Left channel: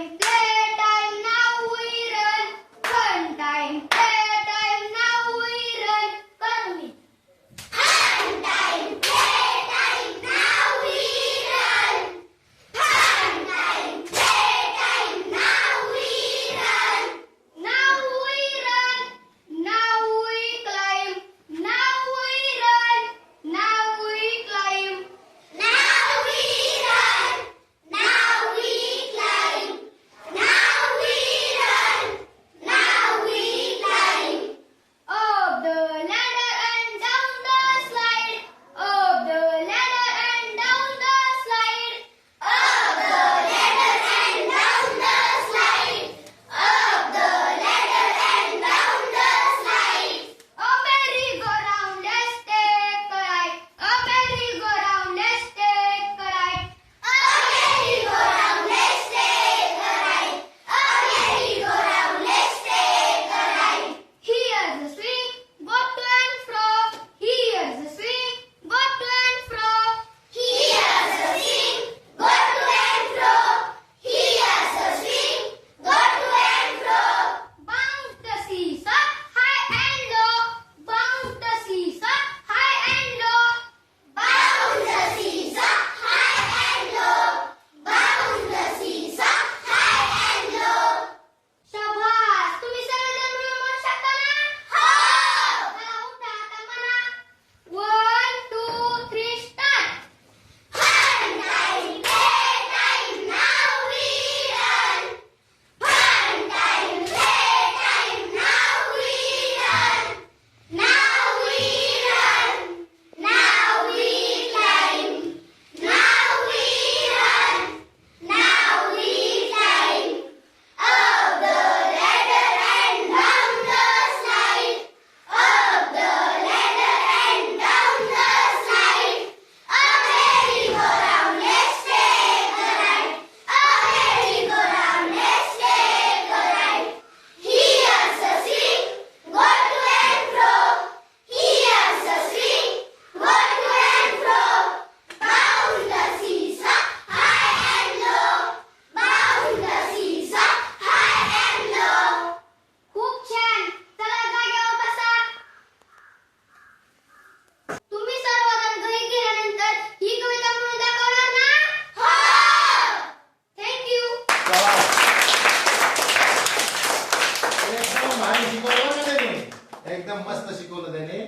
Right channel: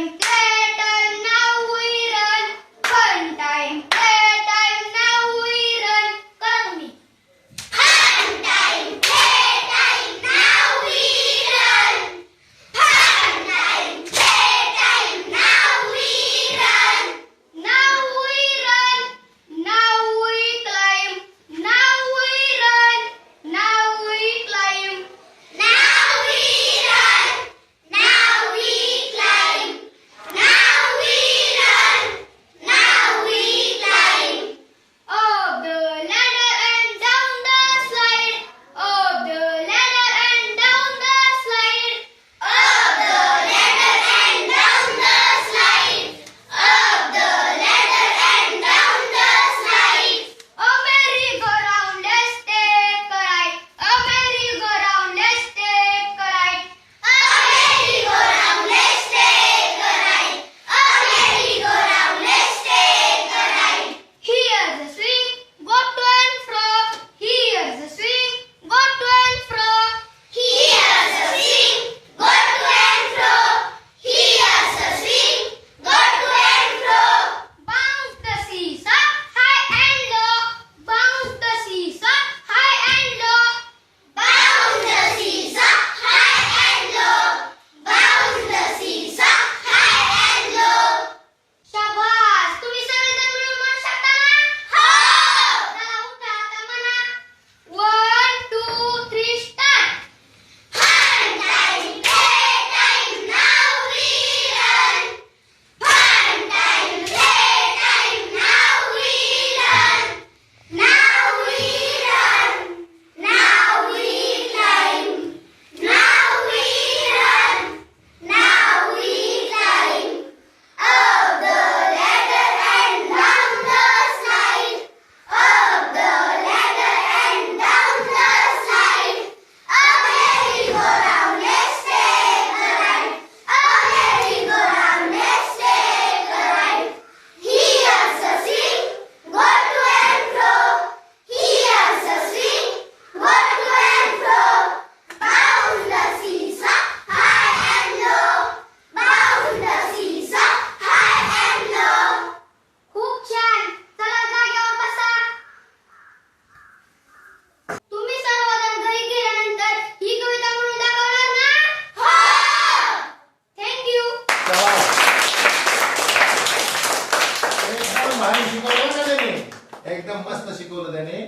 strength एकदम भारी शिकवलं ना एकदम मस्त शिकवलं त्याने.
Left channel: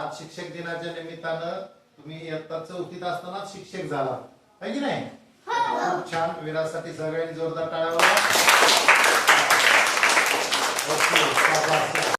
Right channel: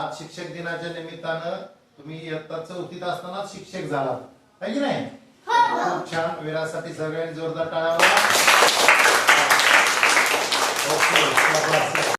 आज शिक्षक दिनाच्या निमित्तानं तुम्ही इयत्ता चौथीत असताना शिक्षक झाला है की नाही? हो, हो. खूप छान. विरासाठी सगळ्यांनी जोरदार टाळावा ओके